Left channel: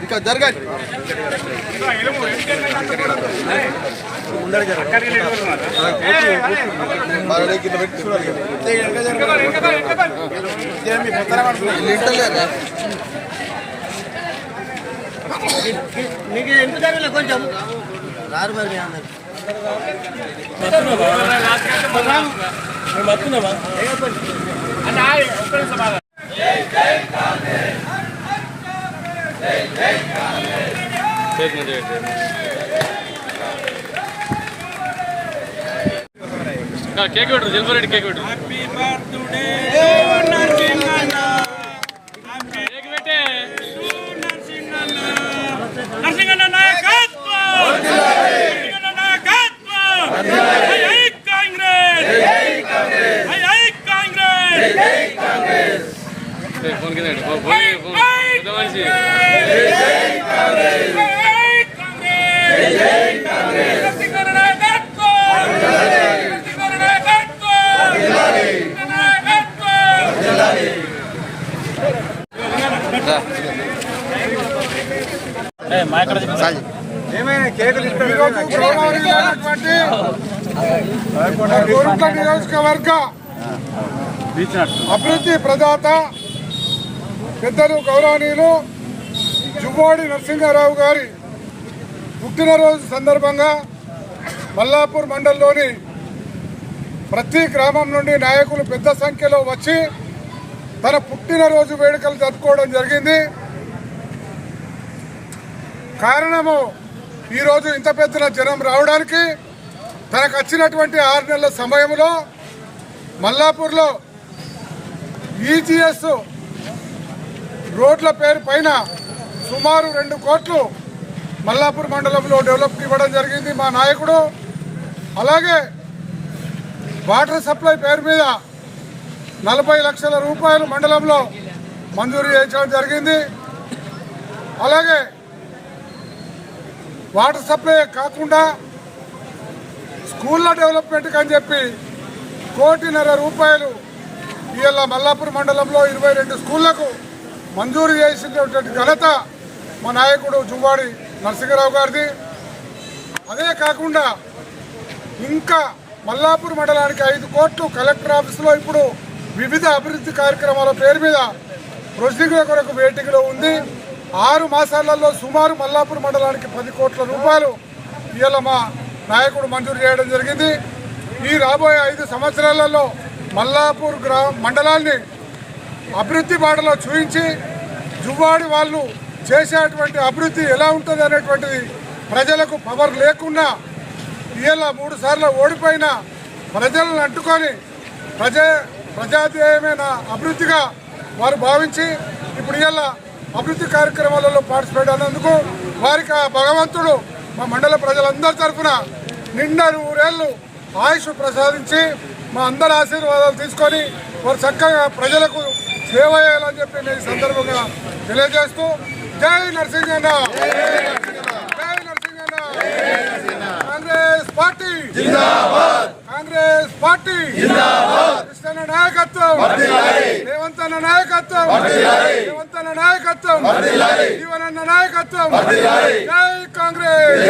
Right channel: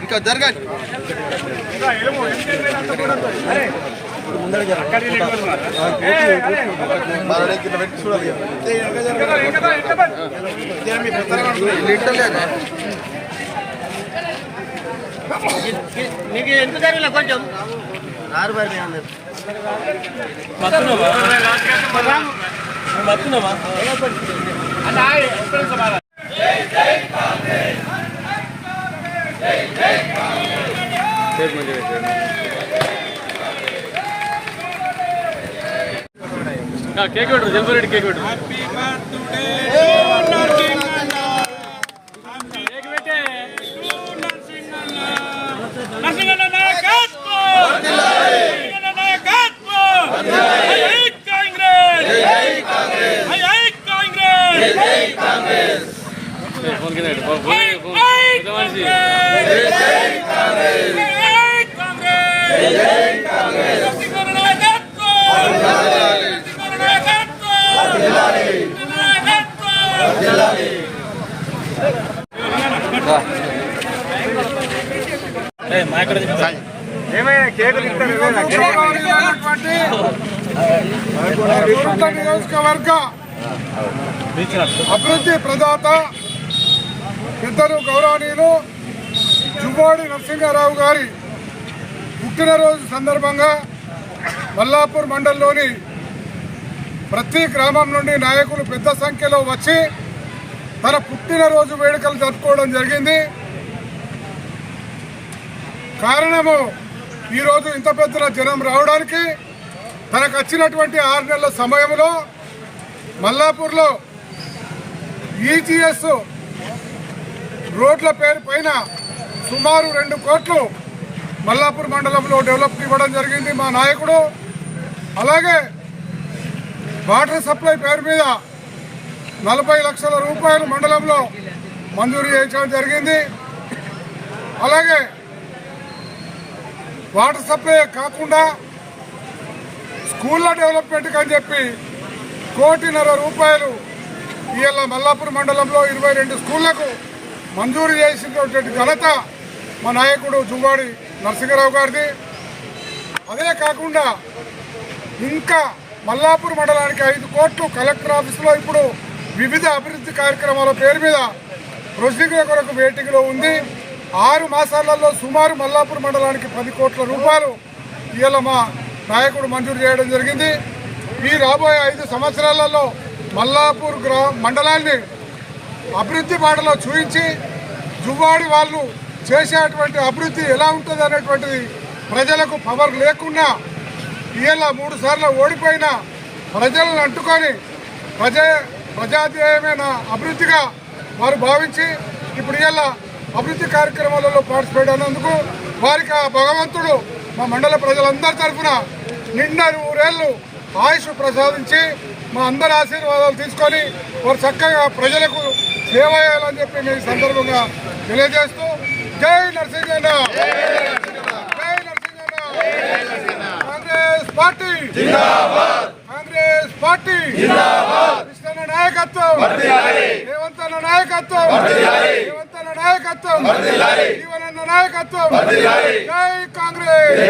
ఇంకా జరగ నీకు ఎంత జరిగిన కొంచెం రారు మరి మీ అందరు కేక్ పెట్టు జల్పరెడ్డి కేక్ పెట్టు. నరసింహన్న నాయకత్వం నరసింహన్న నాయకత్వం హై హై కాంగ్రెస్ హై హై కాంగ్రెస్ ఫోన్ కింద పెట్టు. ఫోన్- హై ఫోన్- హై పెద్ద మనిషి. కాంగ్రెస్ హై హై కాంగ్రెస్ నరసింహన్న నాయకత్వం నరసింహన్న నాయకత్వం నాయకత్వం గౌరవనీయులైనటువంటి కోరుట్ల నియోజకవర్గ అభివృద్ధి ప్రదాత పెద్దలు గౌరవనీయులు జువ్వాడి నరసింహారావు గారి పుట్టినరోజు సందర్భంగా మల్లాపూర్ మండలంలోని ప్రతి గ్రామం నుండి నాయకులు పెద్ద సంఖ్యలో వచ్చి తన పుట్టినరోజు వేడుకలు జరుపుకోవడం జరిగింది. కారణము ఈరోజు ఇంత పెద్ద జనం రావడానికి తనకు వచ్చినటువంటి ఆరు నెలల సమయంలో మల్లాపూర్లో ఈజీఎస్ రోడ్ల పేరు పైన సుమారు రెండు కోట్లు మల్లాపూర్ మండలంలో డెవలప్ ఇవ్వడం జరిగింది మా నాయకుడు. అలాగే వాటర్ సప్లై పేరు మీద నలభై లక్షల రూపాయలు మండలంలో మంజూరు చేయించడం జరిగింది. అలాగే వాటర్ సప్లై కాకుండా స్కూళ్ళ డెవలప్మెంట్కి అని చెప్పి కోటిన్నర రూపాయలు ఇవాళ మల్లాపూర్ మండలంలో ఇరవై రెండు స్కూళ్ళకు మంజూరు చేసినటువంటి ఘనత మా నాయకుడు జుంబాడి నరసింహరావు గారిది. అదే కాకుండా ఇంకా మల్లాపూర్ మండలానికి ఐదు కోట్లు కలెక్టర్ ఆఫీసులో ఇప్పుడు వివిధ అభివృద్ధి కార్యక్రమాల పేరు మీద ప్రొసీజర్ కొరకు వేటింగ్లో ఉంది. ఆరు మాసాలలో సుమారు మల్లాపూర్ మండలానికి పది కోట్ల రూపాయలు ఇవాళ మా నాయకుడు మంజూరు చేయడం జరిగింది. ఈ రాబోయే ఐదు సంవత్సరాలలో మల్లాపూర్ గ్రా మండలాన్ని అభివృద్ధి బాటలో చూపించి జువ్వాడి వాళ్ళు చేసేటువంటి అభివృద్ధి ఎలా ఉంటుంది అనేటువంటిది ప్రజలకు పవర్ లేకున్నా ఇవాళ మూడు సార్లు ఓడిపోయిన ప్రజలను అంటుకొని ప్రజ ప్రజాధ్యేయమైన అభివృద్ధిగా వారు భావించి ఇప్పుడు ఇవాళ అభివృద్ధి కార్యక్రమాలలో పార్టిసిపేట్ అయినందుకు వారికి ఆ భగవంతుడు మా మండల ప్రజలందరి తరఫున నిండా నూరేళ్ళు ఆయుష్ ప్రసాదించి మా అందరి ఆశీర్వాదాలు తీసుకొని వారు చక్కగా ప్రజలకు సేవ చేయాలని చెప్పి మీ సందర్భంగా తెలియజేస్తూ జై నరసింహ జై నరసింహ కాంగ్రెస్ పార్టీ. కాంగ్రెస్ పార్టీ. కృష్ణ నాయకత్వం. రేవంత్ అన్న నాయకత్వం. రేవంత్ అన్న నాయకత్వం. జీవనన్న నాయకత్వం. జై కాంగ్రెస్.